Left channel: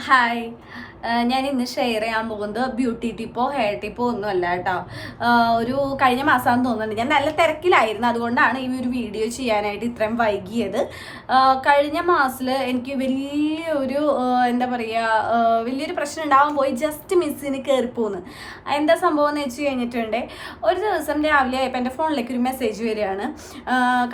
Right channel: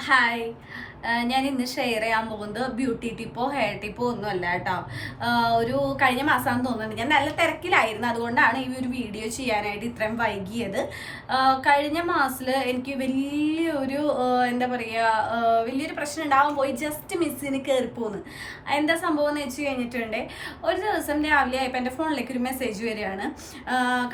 Hi ഞാൻ ഇന്ന് share ചെയ്യാൻ പോകുന്നത് ബ്യൂട്ടി ടിപ്പോ ഹെയർ ടിപ്പോ ഒന്നും അല്ല കേട്ടോ. ഒരു കഴിഞ്ഞ മാസമാണെന്ന് തോന്നുന്നുണ്ട്. ഞാൻ നല്ല തിരക്കിലായിരുന്നു. അതുകൊണ്ടാണ് ഈ ഒരു വീഡിയോ ചെയ്യാനായിട്ട് ഇത്രയും വൈകിയത്. കഴിഞ്ഞ മാസത്തിൽ എനിക്ക് വലിയൊരു എന്താ പറയുക വലിയൊരു പ്രശ്നം ഉണ്ടാവാൻ പോയി. ജസ്റ്റ് മിസ്സിന് കയറിപ്പോന്ന് എന്താ സംഭവം എന്ന് വെച്ച് കഴിഞ്ഞിട്ടുണ്ട് ഒരു ദിവസം രാവിലെ ആയപ്പോൾ എന്റെ ഫോണിലേക്ക് ഒരു മെസ്സേജ് വരികയാണ്.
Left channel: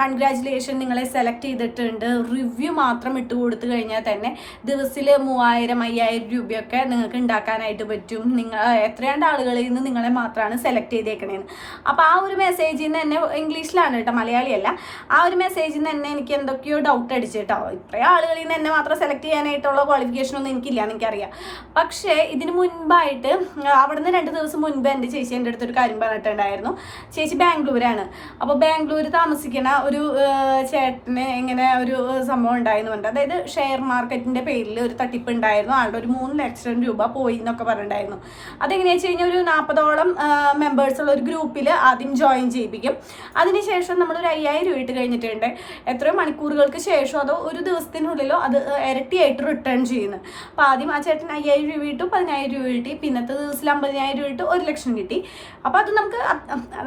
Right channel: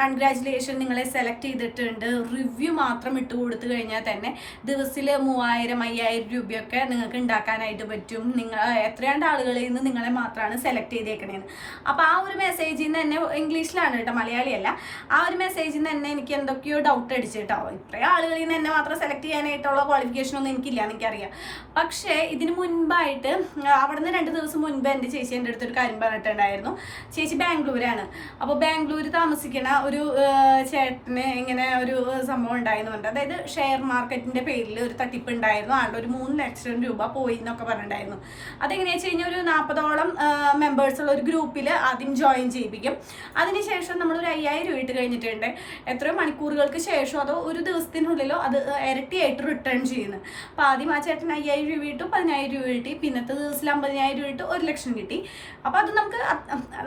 കൺഗ്രാറ്റുലേഷൻ നിങ്ങളെ സെലക്ട് ചെയ്തിട്ടുണ്ട്. റിവ്യൂ മാത്രം ഇട്ട് കൊടുത്തു കഴിഞ്ഞാൽ തന്നെ ദിവസത്തിൽ മൂവായിരം അയ്യായിരം രൂപയൊക്കെ നിങ്ങൾക്ക് ഉണ്ടാക്കാനായിട്ട് പറ്റും. നിങ്ങൾ എത്രയാണ്ട് ആളുകളിൽ നിന്ന് നിങ്ങളെ മാത്രമാണ് സെലക്ട് ചെയ്തേക്കണേന്ന്. അപ്പോൾ ആ ഒരു മെസ്സേജിൽ നിന്ന് തന്നെ ഇംഗ്ലീഷിലാണ് കേട്ടോ മലയാളിയല്ല. ആ ഒരു മെസ്സേജിൽ നിന്ന് തന്നെ എനിക്ക് എന്തൊക്കെയോ ഡൗട്ട് അടിച്ചു കേട്ടോ. ഇത്രയും ആളുകളിൽ നിന്ന് എന്നെ മാത്രം സെലക്ട് ചെയ്യാനായിട്ടുള്ള ക്വാളിഫിക്കേഷൻ ഒന്നും എനിക്കില്ല എനിക്കറിയാം. പക്ഷേ ഇതിന് മുൻപായിട്ട് അവിടെ നിന്ന് രണ്ട് ദിവസം മുൻപ് എന്റെ ചേച്ചി എന്റെ അടുത്തൊരു കാര്യം പറഞ്ഞിട്ടുണ്ടായിരുന്നു. ചേച്ചി ബാംഗ്ലൂരാണ്. അപ്പോൾ ബാംഗ്ലൂർ താമസിക്കണ ഒരു ചേട്ടന് ഇങ്ങനെ ഒരു സംഭവം ഉണ്ടായിരുന്നുണ്ട് അതായത് ഷെയർ മാർക്കറ്റിന്റെ പേരിൽ ഒരു തട്ടിപ്പ് ഉണ്ടായിരുന്നു. ആളുടെ ഒരു മൂന്ന് ലക്ഷം രൂപ പോയി എന്നൊക്കെ പറഞ്ഞിട്ടുണ്ടായിരുന്നു. അതെങ്ങനെയാ വെച്ച് കഴിഞ്ഞാൽ ഒരു നാൽപ്പതോളം മെമ്പേഴ്സ് ഉള്ള ഒരു ഗ്രൂപ്പിൽ ആദ്യം ജോയിൻ ചെയ്യിപ്പിക്കും. അതിനുശേഷം നമ്മൾ ഒരു അയ്യായിരം രൂപ ഇട്ട് കഴിഞ്ഞിട്ടുണ്ട്. എത്രയോ മണിക്കൂറുകൾക്ക് ശേഷം അതോ ഒരു ദിവസത്തിനുള്ളിലോ അത് ഇരട്ടിയായിട്ട് റിട്ടേൺ ചെയ്യുന്നു. അപ്പോൾ ആദ്യം ആ ചേട്ടൻ അയ്യായിരം രൂപ ഇട്ടു പതിനായിരം രൂപ കിട്ടി. പിന്നത്തെ ദിവസത്തിൽ അമ്പതിനായിരം രൂപ ഇട്ട് ഒരു ലക്ഷം കിട്ടി. അപ്പോൾ അത് നമുക്ക്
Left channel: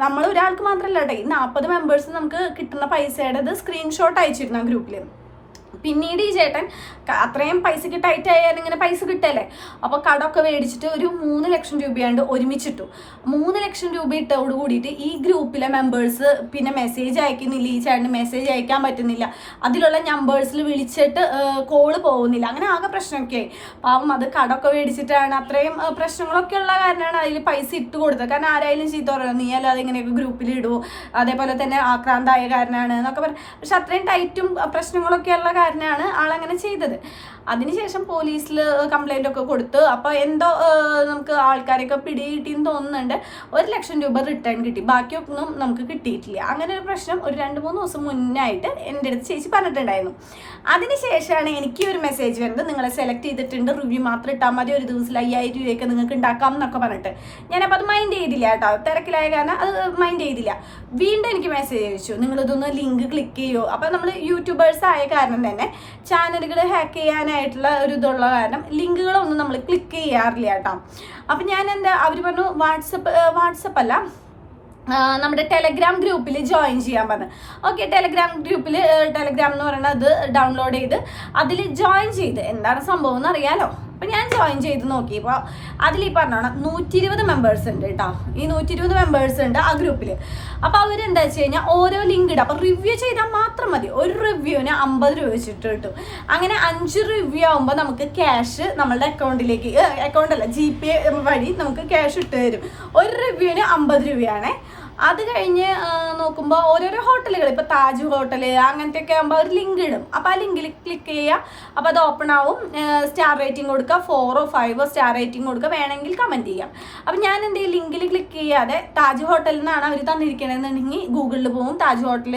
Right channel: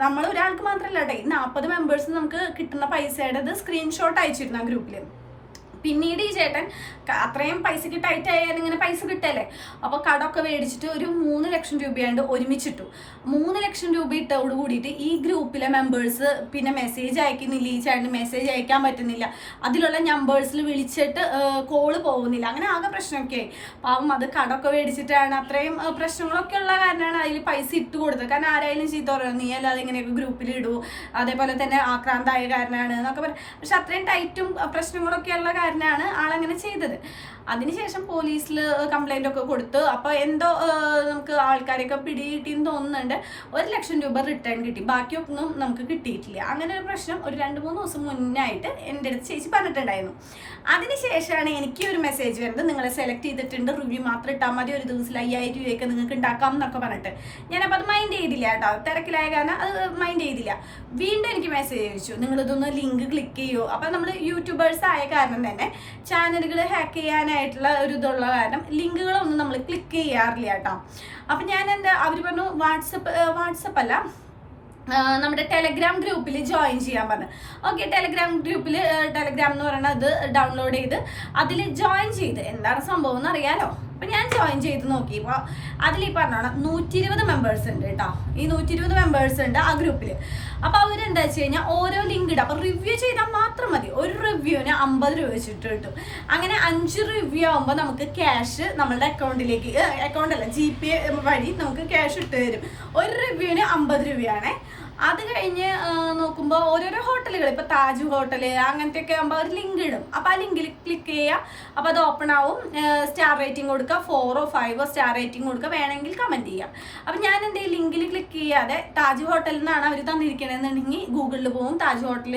നമ്മൾ ഒരാൾക്ക് മാത്രമല്ല കേട്ടോ ഈ നാൽപ്പത് മെമ്പേഴ്സ് നമുക്ക് കിട്ടുന്ന പൈസയുടെ സ്ക്രീൻഷോട്ട് അയച്ചിരുന്നു ആ ഗ്രൂപ്പിൽ പിന്നീട് ഈ ചേട്ടൻ അത്രയും പൈസക്ക് ടൈറ്റ് ആയാലും ഇങ്ങനെ പൈസ കിട്ടല്ലേ? അപ്പോൾ കടമൊക്കെ മേടിച്ചിട്ട് ഒരു മൂന്ന് ലക്ഷം രൂപയാണ്ട് ഒരുമിച്ചിട്ടു. മൂന്ന് ലക്ഷം രൂപ ഇട്ടോട് കൂടിയിട്ട് ഈ ഗ്രൂപ്പിലെ മെമ്പേഴ്സ് പിന്നെ മെസ്സേജ് അയക്കുന്നില്ല ഈ ചേട്ടന് മെസ്സേജ് അയക്കാൻ പറ്റുന്നില്ല. അതിലുള്ള നമ്പേഴ്സിൽ വിളിച്ചിട്ട് കോൾ പോകുന്നില്ല. അങ്ങനെ ആകെ പ്രശ്നമൊക്കെ ആയി. പാവം അത് കടമൊക്കെ മേടിച്ചിട്ടാണ് അത്രയും പ്രശ്നങ്ങളൊക്കെ ഉള്ള കാരണമാണ് അതിൽ പൈസ ഇട്ട് കൊടുത്തത്. കാരണം ആരായാലും ചീത്ത പറയുന്നത് നീ അല്ലാതെ ഇങ്ങനെയൊക്കെ ഗ്രൂപ്പിൽ ഇടൂ. അതേപോലെ തന്നെ ആക്രാന്തായ കാരണമാണ് എന്നൊക്കെ പറയും. പക്ഷെ അത്രയും ടൈറ്റും പ്രശ്നങ്ങളൊക്കെ ഉള്ള കാരനാണ് ആളങ്ങനെ ചെയ്തത്. അതിനുശേഷം പോലീസിൽ കംപ്ലൈന്റ് ഒക്കെ കൊടുത്ത് അപ്പോൾ എന്തോ നമുക്ക് ആൾക്കാരെയൊക്കെ പിടി കിട്ടിയെന്ന് തോന്നുന്നുണ്ട്. ഒരു ലക്ഷം രൂപ റിട്ടേൺ കിട്ടി. ബാക്കിയൊന്നും നമുക്ക് കിട്ടിയിട്ടില്ല. അങ്ങനെ ഒരു പ്രശ്നം ഒരു രണ്ട് മൂന്ന് ദിവസം മുന്നായിട്ട് എന്റെ അടുത്ത് ചേച്ചി പറഞ്ഞിട്ടുണ്ടായിരുന്നു. അതിനുശേഷമാണ് എനിക്ക് ഒരു മെസ്സേജ് വരുന്നത്. നിങ്ങളെ സെലക്ട് ചെയ്തിട്ടുണ്ട്. റിവ്യൂ മാത്രം ഇട്ടാൽ മതി. ഒരു ദിവസത്തിൽ അയ്യായിരം രൂപയൊക്കെ നിങ്ങൾക്ക് ഉണ്ടാക്കാം എന്നൊക്കെ പറഞ്ഞിട്ട്. ഞാനപ്പോൾ അത് മൈൻഡ് ചെയ്തില്ല കേട്ടോ. തിരക്കിലായ കാരണം അത് മൈൻഡ് ചെയ്തില്ല. വീണ്ടും എനിക്ക് മെസ്സേജ് അയച്ചു. നിങ്ങളിതൊന്ന് ലിങ്ക് ക്ലിക്ക് ചെയ്യൂ? അപ്പോൾ നമ്മൾ യൂട്യൂബേഴ്സ് ആയ കാരണം തന്നെ ചാനലുകൾ ഹാക്ക് ചെയ്യാനായിട്ടുള്ള ഒരു ഇതുള്ള കാരണം ലിങ്കുകളൊന്നും നമ്മൾ ക്ലിക്ക് ചെയ്യാറില്ല കേട്ടോ. അപ്പം ഞാൻ എന്താ അവർ പറഞ്ഞു വാട്സപ്പ് വാട്സപ്പ് അല്ല നമ്മുടെ ടെലഗ്രാം ഗ്രൂപ്പിൽ ജോയിൻ ചെയ്യാൻ പറഞ്ഞു. ഓക്കെ ടെലഗ്രാം ഗ്രൂപ്പിൽ ടെലഗ്രാം എന്ന് പറയുന്നത് ഡൗൺലോഡ് ചെയ്ത് അതിൽ ജോയിൻ ചെയ്ത്. എന്താണ് സംഭവം എന്ന് അറിയാലോ? അപ്പം ഞാൻ ജോയിൻ ചെയ്ത് നോക്കി. അപ്പോൾ അതിൽ ഈ പറഞ്ഞോണം നൂറ്റി ഇരുപത് മെമ്പേഴ്സ് ഉണ്ട് കേട്ടോ ഈ നൂറ്റി ഇരുപത് മെമ്പേഴ്സ് ഉണ്ട് ആ ഗ്രൂപ്പിൽ അപ്പോൾ അവരെന്താ വെച്ച് കഴിഞ്ഞാൽ ഓരോ ലിങ്ക് ഇടും. അപ്പം റിവ്യൂ ചെയ്താൽ മാത്രം മതി. ഒരു റിവ്യൂവിന് അമ്പത് രൂപ വെച്ചിട്ട് കിട്ടും. അങ്ങനെ അഞ്ച് റിവ്യൂ ആകുമ്പോൾ നമുക്ക് ക്യാഷ് നമ്മളുടെ അക്കൗണ്ടിലേക്ക് അക്കൗണ്ടല്ല ജി പേ വഴി നമുക്ക് ക്യാഷ് ഇട്ട് തരും. ഒരു റിവ്യൂവിന് അമ്പത് രൂപയാണേ. അത് കഴിഞ്ഞ് നോക്കുമ്പോൾ ഓരോരോ ഹോട്ടലുകൾ ഇപ്പോൾ താജ് ഹോട്ടൽ അങ്ങനത്തെ ഒക്കെ ആകുമ്പോൾ ഒരു ലിങ്ക് ഇടും. അപ്പോൾ ആ ലിങ്കിൽ ക്ലിക്ക് ചെയ്യുക അപ്പോൾ അത് ഓപ്പൺ ആവും. സ്റ്റാർ റേറ്റിംഗ് കൊടുക്കുക. ഫോറോ ഫൈവോ സ്റ്റാർ റേറ്റിംഗ് കൊടുക്കുക. വേണമെങ്കിൽ കമന്റ് ചെയ്യാം. അപ്പം ഞാൻ ചെയ്യും ലിങ്കിൽ ക്ലിക്ക് ചെയ്യാതെ താജ് ഹോട്ടലിൽ നിന്നാണ് അവർ തന്നിരിക്കണമെന്നുണ്ടെങ്കിൽ ഗൂഗിളിൽ പോകും താജ് ഹോട്ടൽ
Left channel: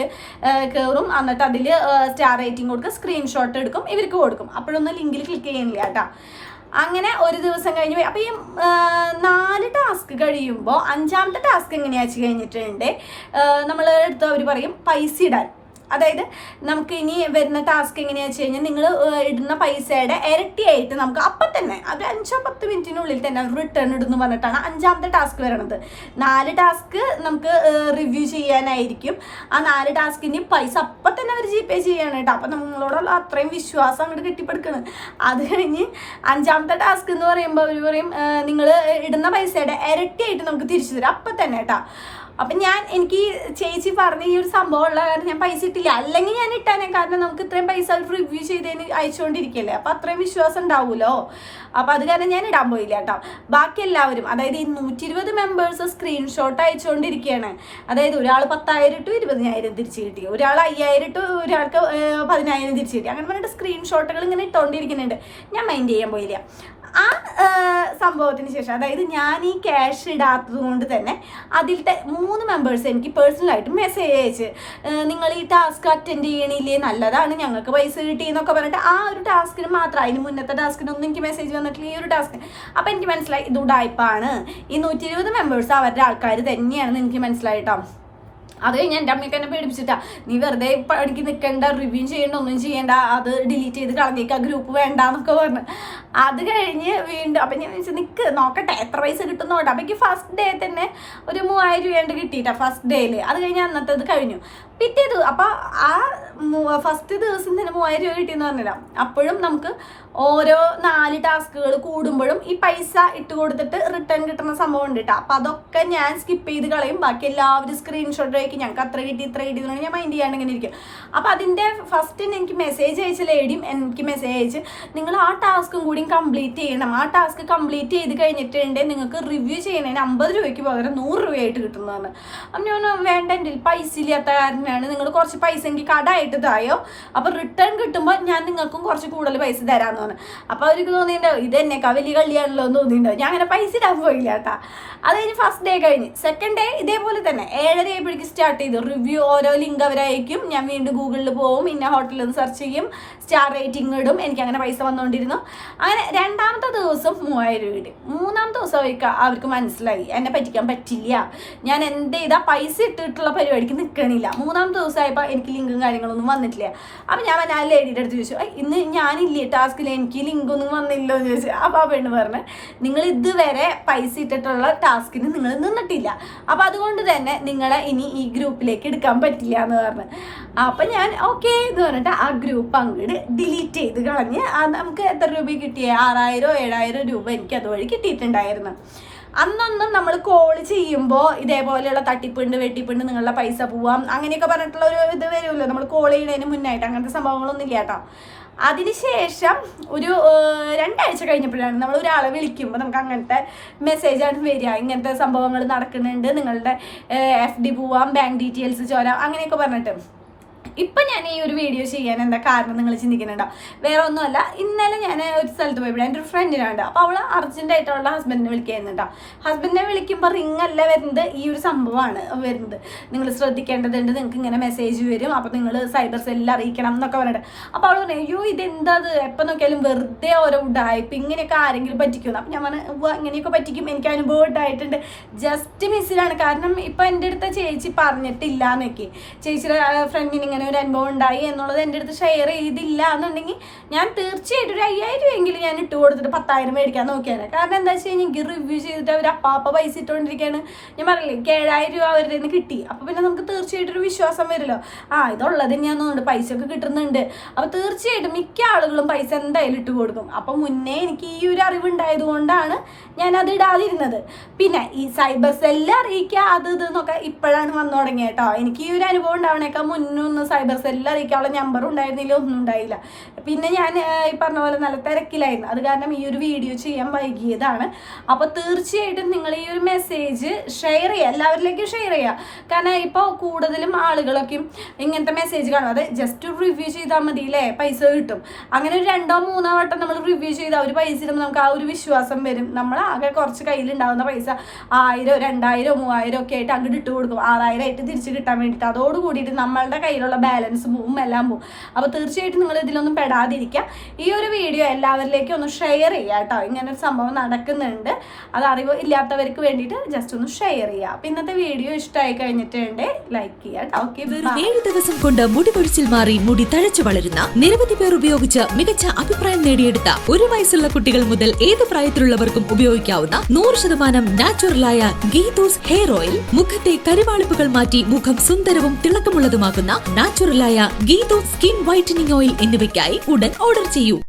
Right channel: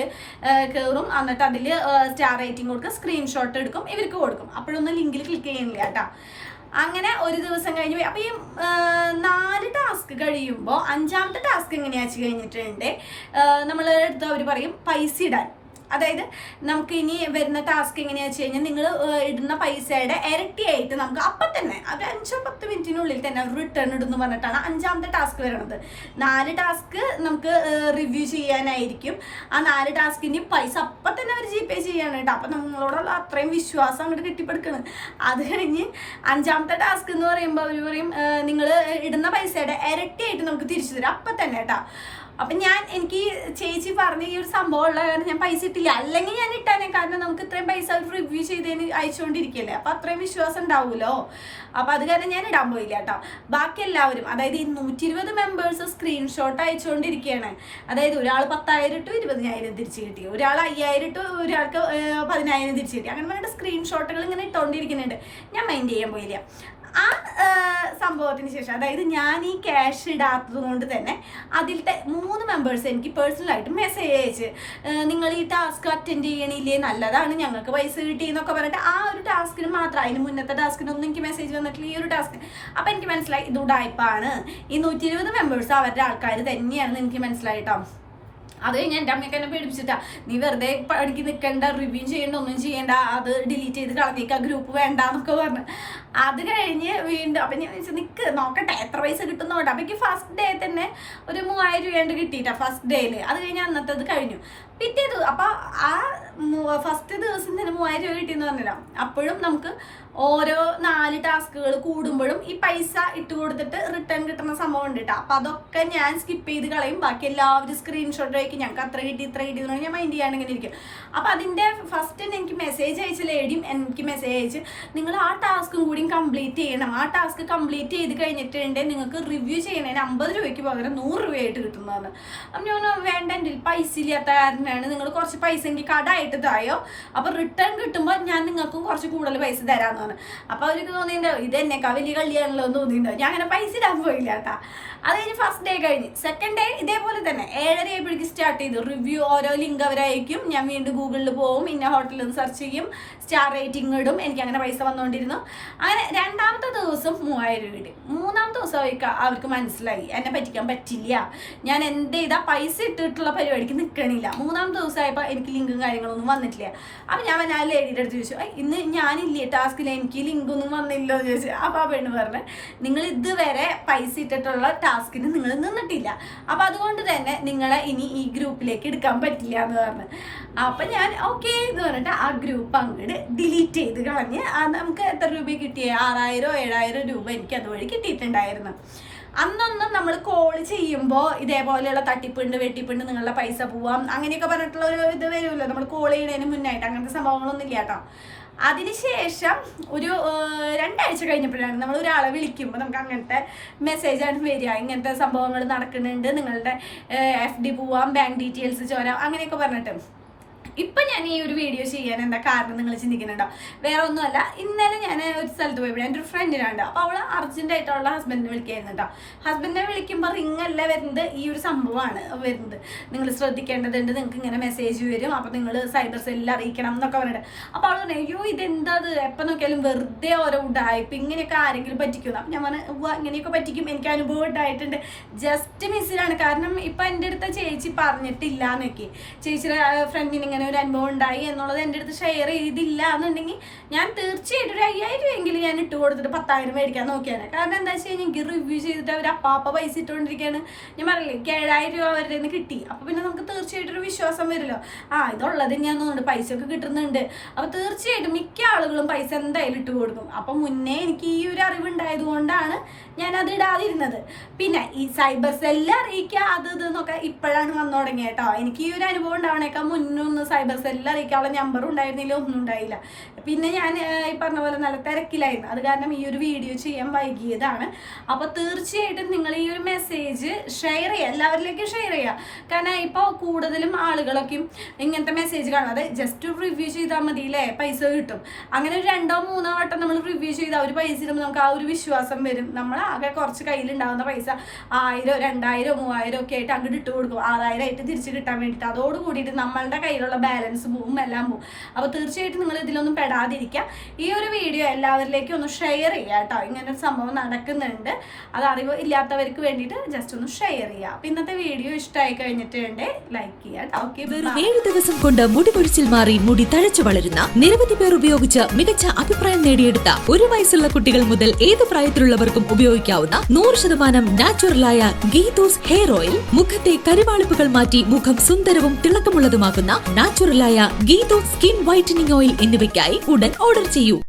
കയറും എന്നിട്ട് അതിൽ സ്റ്റാർ റേറ്റിംഗ് കൊടുക്കുക. സ്ക്രീൻഷോട്ട് എടുക്കും. ഇവർക്ക് കൊടുക്കും. അപ്പോഴൊന്നും ലിങ്കിൽ ക്ലിക്ക് ചെയ്യുന്നില്ല കേട്ടോ. അങ്ങനെ ഒരു ദിവസം കഴിഞ്ഞ് അപ്പോൾ അപ്പൊ ഈ നാല് ടാസ്ക് കഴിയുമ്പോൾ അഞ്ചാമത്തെ ടാസ്ക് എങ്ങനെയാ വെച്ച് കഴിഞ്ഞിട്ടുണ്ട് നമ്മൾ എടുത്ത് അവർ പറയും പൈസ ഇടാൻ. അതായത് നമുക്ക് ഇനി വരുന്ന ടാസ്ക് എങ്ങനെയാ വെച്ച് കഴിഞ്ഞാൽ നിങ്ങൾ ഇടുന്ന പൈസയുടെ ഇരട്ടിയായിട്ട് നമുക്ക് അപ്പം തന്നെ അത് അഞ്ചോ പത്ത് മിനിറ്റിനുള്ളിൽ തന്നെ റിട്ടേൺ ഇടുന്നു പറഞ്ഞിട്ടാണ് അഞ്ചാമത്തെ ടാസ്ക് വരണത്. നാല് ടാസ്ക് നമുക്ക് റിവ്യൂ ചെയ്യാനായിരിക്കും. ആ നാല് ടാസ്കിന് പൈസ അപ്പം തന്നെ അവർ ജി പേ ചെയ്യാണ് കേട്ടോ അപ്പം നമ്മളോടുള്ള അത്രയും വിശ്വാസം അങ്ങോട്ട് കെട്ടിപ്പടുക്കണം. അത് കഴിഞ്ഞ് അഞ്ചാമത്തെ ടാസ്ക് എന്ന് പറയുമ്പോൾ അവർ പറയും നിങ്ങൾ ഇടുന്ന പൈസയുടെ ഇരട്ടിയായിട്ട് നമുക്ക് തിരിച്ചു തരും. അപ്പം തന്നെ കേട്ടോ അപ്പം ഞാൻ എനിക്ക് ചേച്ചി പറഞ്ഞ ഈ ഒരു സംഭവം ഉള്ള കാരണം ഞാൻ പൈസ ഇട്ടില്ല. അല്ലെങ്കിൽ ഞാൻ ഇട്ടാനേ കാരണം നമുക്ക് ഇത്രയും പൈസ റിവ്യൂ ചെയ്തതിന് അയച്ചുകൊണ്ടിരിക്കല്ലേ. അപ്പൊ അത്രയും വിശ്വാസം ഉണ്ടാവുമല്ലോ. അപ്പൊ അത് കാരണം ഞാൻ ഇടാൻ പോയില്ല കേട്ടോ. ബാക്കി എല്ലാവരും അതായത് ഈ നൂറ്റി ഇരുപത് മെമ്പേഴ്സ് സ്ക്രീൻഷോട്ട് അയച്ചുകൊണ്ടിരിക്കുകയാണ് അതായത് ഒരാൾ പത്തായിരം ഇട്ടു ഇരുപതിനായിരം തിരിച്ചു കിട്ടി. ഒരാൾ അയ്യായിരം ഇട്ടു ഒരാൾക്ക് പതിനായിരം തിരിച്ചു കിട്ടി. അങ്ങനെ പറഞ്ഞിട്ട് സ്ക്രീൻഷോട്ടുകൾ ഇങ്ങനെ ഇട്ടുകൊണ്ടിരിക്കുന്നുണ്ട് ഞാൻ മൈൻഡ് ചെയ്യാൻ പോയില്ല. ആ സംഭവത്തിന് ശേഷം അതായത് ഞാൻ ഈ ക്യാഷ് ഇടാത്തത് കൊണ്ട് തന്നെ അതിലത്തെ മൂന്ന് മെമ്പേഴ്സ് എനിക്ക് പേഴ്സണലായിട്ട് മെസ്സേജ് അയച്ച് നിങ്ങൾ ഈ ടാസ്ക് അറ്റൻഡ് ചെയ്യണില്ലേ? നല്ലതാണ്. ഞങ്ങൾക്ക് പൈസ കിട്ടി എന്നൊക്കെ പറഞ്ഞിട്ട് ആ ഒരു ടാസ്കിന് മാത്രം അതിന് മുന്നത്തെ ടാസ്കിനൊന്നും എനിക്ക് മെസ്സേജ് വന്നിട്ടില്ല ഈ ഒരു ടാസ്കിന് അപ്പം എനിക്ക് മനസ്സിലായി ഇത് ഉടായ്പാണ്. ഈ നൂറ്റി ഇരുപത് മെമ്പേഴ്സ് അവരുടെ ആൾക്കാർ തന്നെയാണെന്ന് എനിക്ക് മനസ്സിലായിട്ടോ അത് കഴിഞ്ഞ് എന്റെ അമ്മയ്ക്ക് എന്നെ പേടിപ്പിച്ചിട്ടാ നീ വെറുതെ പണിക്ക് നിൽക്കണ്ട റിവ്യൂ ചെയ്യേണ്ട ഒന്നും ചെയ്യേണ്ട അത് ഡിലീറ്റ് ചെയ്ത് കളഞ്ഞേക്ക് ഗ്രൂപ്പ് വേണ്ട എന്നൊക്കെ പറഞ്ഞു. അത് കഴിഞ്ഞ് വീണ്ടും അപ്പം ഞാൻ വെച്ചാൽ നിൽക്ക് നോക്കട്ടെ എത്ര പൈസ കിട്ടുന്നോട്ടെ അപ്പം എനിക്ക് ഫസ്റ്റ് ഡേ തന്നെ ഒരു മൂവായിരം രൂപയുണ്ട് കിട്ടിയിട്ടാ ഫസ്റ്റ് ഡേയിൽ അത് കഴിഞ്ഞ് അന്നത്തേത് കഴിഞ്ഞു. പിറ്റേ ദിവസം അപ്പം ആ ഫസ്റ്റ് ദിവസം തന്നെ മൂവായിരം രൂപ കിട്ടിയെന്ന് പറഞ്ഞില്ല. അപ്പോഴും നമുക്ക് ഓരോ നാല് ടാസ്കുകൾ കൂടുമ്പോഴും ഈ പൈസ ഇട്ട് കൊടുത്തിട്ട് റിട്ടേൺ കിട്ടുന്ന സംഭവം ഉണ്ട് കേട്ടോ അപ്പം അതൊക്കെ ഞാൻ സ്കിപ്പ് ചെയ്ത് കളയും. ബാക്കി എല്ലാവരും സ്ക്രീൻഷോട്ട് ആയിരിക്കും ഞങ്ങൾക്ക് അത്ര കിട്ടി ഇത്ര കിട്ടി ഞാൻ മൈൻഡ് ചെയ്യാണ്ട് ഇങ്ങനെ ഇരിക്കും. അപ്പം അതിന്റെ ഫസ്റ്റ് എനിക്ക് മെസ്സേജ് അയച്ച ലേഡിയും എനിക്ക് മെസ്സേജ് അയച്ച് നിങ്ങൾ ആ ടാസ്കും കൂടി കംപ്ലീറ്റ് ചെയ്യണം. ആ ടാസ്ക് കംപ്ലീറ്റ് ചെയ്ത് കഴിഞ്ഞിട്ടുണ്ട് നിങ്ങൾക്ക് റിവ്യൂ ചെയ്യണതിന് അമ്പത് രൂപയ്ക്ക് പകരം നൂറ് രൂപയായിട്ട് കിട്ടുന്നതാണ് അപ്പം ഞാൻ വേണ്ട പൈസ ഇല്ലാത്ത കാരണമാണ് നിങ്ങൾ കുറച്ച് പൈസ എനിക്ക് കടമായിട്ട് തായോ? അപ്പോൾ റിട്ടേൺ കിട്ടുമ്പോൾ ഞാൻ നിങ്ങൾക്കും കുറച്ച് കൂടുതൽ പൈസ തരാമെന്ന് പറഞ്ഞു. അപ്പോൾ അവർക്ക് തോന്നിയിട്ടുണ്ടാവും ഇത് എന്നെക്കാ വലിയ കളിയാണല്ലോ എന്ന് തോന്നിയിട്ടുണ്ടാവും ഞാൻ അങ്ങനെ പൈസ ഇടാൻ പോയില്ല കേട്ടാ. അത് കഴിഞ്ഞ് ഫസ്റ്റ് ഡേ കഴിഞ്ഞ്. സെക്കൻഡ് ഡേ ഇതേപോലെ തന്നെ. ഏഴര ആയപ്പോഴേക്ക് സ്റ്റാർട്ട് ചെയ്തു. റിവ്യൂ ഓരോ ലിങ്ക് അവരായിരിക്കും. ഞാൻ വീണ്ടും ഗൂഗിളിൽ പോവും. ഇന്ന ഹോട്ടലിൽ നിന്ന് സെർച്ച് ചെയ്യും. സ്റ്റാർ റേറ്റിംഗ് ഇടും. എനിക്ക് അങ്ങനെ പൈസ വന്നുകൊണ്ടിരുന്നു അങ്ങനെ രണ്ടാമത്തെ ദിവസം മൂവായിരം രൂപ കിട്ടി മൂന്നാമത്തെ ദിവസം അവർക്ക് അവർക്ക് മനസ്സിലായി. എന്നെ പറ്റിക്കാൻ പറ്റില്ല. ഞാൻ എന്ത് ചെയ്താൽ പൈസ ഇട്ടിട്ടുള്ള പരിപാടിക്ക് നിൽക്കണില്ല മൂന്നാമത്തെ ദിവസമായപ്പോൾ എനിക്ക് ലിങ്കും കാര്യങ്ങളൊന്നും വന്നിട്ടില്ല. അപ്പം ഞാൻ ആ ലേഡിയുടെ അടുത്ത് ചോദിച്ചു "ഐ, ഇന്ന് ഞാനില്ലേ ടാസ്കിൽ എനിക്ക് ലിങ്കൊന്നും വന്നില്ലോ എന്ന് ചോദിച്ചു. അപ്പോൾ ആ പെണ്ണ് പറഞ്ഞു നിങ്ങൾ ഇതുവരെ പൈസ ഇട്ടിട്ടുള്ള ടാസ്കിന് നിങ്ങൾ നിന്നിട്ടില്ല. അപ്പം അതുകൊണ്ട് തന്നെ നിങ്ങളെ ഇനി ഈ ഗ്രൂപ്പിലേക്ക് എടുക്കാൻ പറ്റില്ല എന്ന് പറഞ്ഞു. അപ്പം ഞാൻ ഓക്കെ എന്ന് പറഞ്ഞിട്ട് ആ ഗ്രൂപ്പ് അങ്ങോട്ട് ഡിലീറ്റ് ചെയ്ത് കളഞ്ഞ് നമുക്ക് എത്ര രൂപ കിട്ടിയേ? ആറായിരം ഏഴായിരം രൂപ എനിക്ക് അതുവഴി കിട്ടിയിട്ടുണ്ടായിരുന്നു. അന്നൊന്നും നമ്മൾ കോൾ ചെയ്യുമ്പോൾ ഇതേപോലെയുള്ള തട്ടിപ്പുണ്ട് വെട്ടിപ്പുണ്ട് നിങ്ങളുടെ പൈസ പോവാം അങ്ങനെയൊക്കെ പറഞ്ഞിട്ടുള്ള ഒരു ഇത് വരുമല്ലോ. നമ്മൾ കോൾ ചെയ്യുന്നതിന് മുന്നായിട്ട് അങ്ങനത്തെ സംഭവങ്ങളൊന്നും ഇല്ല കേട്ടോ. അതിനുശേഷം ഒരു രണ്ടാഴ്ച കഴിഞ്ഞപ്പോഴാണ് നമ്മൾ ഒരാളെ വിളിക്കുമ്പോൾ നമുക്ക് അങ്ങനത്തെ മെസ്സേജാണ് വരിക. ഇങ്ങനത്തെ സംഭവങ്ങൾ നടക്കുന്നുണ്ട്. നിങ്ങളുടെ എഫ് ഡി പോവാം ബാങ്ക് ഡീറ്റെയിൽസ് ചോരാം അങ്ങനെയൊക്കെ പറഞ്ഞിട്ട്. ഇപ്പം ഞാൻ ഈ ഒരു വീഡിയോ ചെയ്യാൻ എന്താ കാരണം നിങ്ങൾ ചിന്തിക്കുന്നുണ്ടോ? വേറെ ഒന്നുമല്ല. ഇന്നലെ ഞാൻ ഒരു സ്ഥലത്ത് പോയപ്പോൾ എന്റെ ഒരു ഫ്രണ്ടിനുണ്ട് അപ്പോൾ അവൾ അർജന്റായിട്ട് അവളുടെ ഹസ്ബൻഡിനെ വിളിക്കുന്നുണ്ടോ ഹസ്ബൻഡിനെ വിളിക്കുമ്പോൾ റിംഗ് അല്ല വരുന്നത്. ഈ ഒരു സംഭവമാണ് വരുന്നത്. നിങ്ങൾ ശ്രദ്ധിക്കേണ്ടതുണ്ട്. നിങ്ങൾക്ക് ഇങ്ങനെ മെസ്സേജ് വരും. അപ്പോൾ നിങ്ങൾ സൈബർ സെല്ലിൽ അറിയിക്കണം എന്നൊക്കെ പറഞ്ഞിട്ട്. അപ്പോൾ അവൾ പറഞ്ഞു അയ്യോ ഇതെന്താ അത്? എപ്പോൾ നോക്കിയാലും വെറുതെ ഓരോ ഉടായ്പ ഇങ്ങനെയൊക്കെ ആരെങ്കിലും പറ്റിക്കുന്നു അപ്പം ഞാൻ പറഞ്ഞു ഇങ്ങനെയൊക്കെ പറ്റിക്കും. എനിക്ക് അനുഭവം ഉണ്ടായിട്ടുണ്ട് ജസ്റ്റ് മിസ്സിലാണ് കാരണം ഇപ്പം എന്റെ അടുത്ത ചേച്ചി പറഞ്ഞിട്ടില്ല എന്നൊക്കെ ചേച്ചിയുടെ ഫ്രണ്ടിന് ഇങ്ങനെ ഒരു അനുഭവം ഉണ്ടായി എന്നുള്ളത് എന്റെ അടുത്ത് ഷെയർ ചെയ്തില്ല എന്നുണ്ടെങ്കിൽ ഞാൻ തീർച്ചയായിട്ടും ഒരു അയ്യായിരം എങ്കിലും ഞാൻ ഇട്ട് കൊടുത്തിട്ട് പത്തായിരം മേടിക്കാൻ നോക്കിയാണ് കാരണം എന്താ വെച്ച് കഴിഞ്ഞാൽ എനിക്ക് റിവ്യൂ ചെയ്തിട്ട് അവർ അപ്പാപ്പ പൈസ ഇട്ടുകൊണ്ടിരിക്കുകയാണ് ഞാൻ പറഞ്ഞില്ലേ എനിക്ക് ഏഴായിരം രൂപ അവരുടെ നിന്ന് കിട്ടി. അപ്പോൾ പിന്നെ നമുക്ക് തീർച്ചയായിട്ടും ഒരു വിശ്വാസം വരുമല്ലോ. ആ ഇതുള്ളത് ഞാൻ തോന്നുന്നുണ്ട്. പൈസ ഒക്കെ കിട്ടുന്നുണ്ട്. അപ്പോൾ തീർച്ചയായിട്ടും മിക്ക ആളുകളും പൈസ എന്തായാലും ഇട്ട് കൊടുക്കും. അപ്പോൾ മുന്നേ എനിക്ക് ഈ ഒരു അറിവുണ്ടായത് കൊണ്ടാണ് ഞാൻ അത് ഇടാതിരുന്നത്. പിന്നെ ഈ സൈബർ സെല്ല് അത് ഇത് എന്നൊക്കെ ഇപ്പോഴാണ് വന്നു തുടങ്ങിയത് കേട്ടോ എനിക്ക് ഈ ഒരു അനുഭവം ഉണ്ടാവണേക്കാൾ മുന്നൊന്നും സൈബർ സെല്ലിൽ അറിയിക്കാനുള്ള നമ്പറും ഉണ്ടായിരുന്നില്ല ഒന്നും ഉണ്ടായില്ല. പിന്നെ ഞാൻ ഈ പറഞ്ഞ പോലെ നല്ല തിരക്കിലായിരുന്നു. അത് കാരണം ഈ ഒരു വീഡിയോ ചെയ്യാൻ വൈകിയതാണ്. അപ്പോൾ തീർച്ചയായിട്ടും നിങ്ങൾ ഈ ഒരു മെസ്സേജ് ഷെയർ ചെയ്യുക എല്ലാവരിലേക്കും ഷെയർ ചെയ്യുക. കാരണം ഇപ്പോൾ കൂടുതലും ആളുകളൊക്കെ ഇങ്ങനത്തെ മെസ്സേജ് കാണും. അത് ജസ്റ്റ് ഒരു റിവ്യൂ ചെയ്താൽ മതി അല്ലേ പൈസ കിട്ടും. അങ്ങനെ ഒരു രണ്ടോ മൂന്നോ വട്ടം നമ്മൾ റിവ്യൂ ചെയ്താൽ ഒരു പൈസ നമുക്ക് ആ ഒരു വിശ്വാസം വരും. നമ്മൾ ആകെ കുറച്ച് കയ്യിലുണ്ടാകുന്ന പൈസ ആയിരം രണ്ടായിരം മൂവായിരം ഒക്കെ ആയിട്ട് അങ്ങോട്ട് ഇട്ട് കൊടുക്കും. ആറായിരം ആയിട്ട് തിരിച്ച് കിട്ടാൻ വേണ്ടിയിട്ട്. അതോട് നമ്മളുടെ കയ്യിലുള്ള ബാലൻസ് പോവും എല്ലാം പോവും അപ്പോൾ തീർച്ചയായിട്ടും നിങ്ങൾ ഇതിലൊന്നും പെടാതിരിക്കുക. ഈ ഒരു വീഡിയോ എല്ലാവരിലേക്കും ഒന്ന് ഷെയർ ചെയ്യുക കേട്ടോ. ഇങ്ങനെ ഒരു സംഭവം നടക്കുന്നുണ്ട്. അത് അറിവ് ഇല്ലാത്തവർക്ക് വേണ്ടിയിട്ട് ജസ്റ്റ് ഒന്ന് ഷെയർ ചെയ്യുക. അപ്പം ഇന്നത്തെ വീഡിയോ ഇഷ്ടമായി കഴിഞ്ഞിട്ടുണ്ട്. ലൈക്ക് ഓക്കെ ഏഴ് ദിവസം കൊണ്ട് മുടി പൊഴിച്ചിൽ മാറി മുടി തഴച്ചു വളരുന്ന നിരവധി പേർ ഉപയോഗിച്ച് മികച്ച അഭിപ്രായം നേടിയെടുത്ത ഒരു വയസ്സുള്ള കുട്ടികൾ മുതൽ ഏത് പ്രായത്തിലുള്ളവർക്കും ഉപയോഗിക്കാവുന്ന നൂറ് ശതമാനം നാച്ചുറലായ ഗീതൂസ് ഹെയർ ഓയിൽ മുഖത്തെ കരുവാളിപ്പുകൾ മാറ്റി മുഖം സുന്ദരവും തിളക്കമുള്ളതുമാക്കുന്ന നാച്ചുറലായ ഗീതോ സ്കിൻ വൈറ്റനിങ് ഓയിൽ എന്നിവയ്ക്കായി ഉടൻ ഓർഡർ ചെയ്യൂ.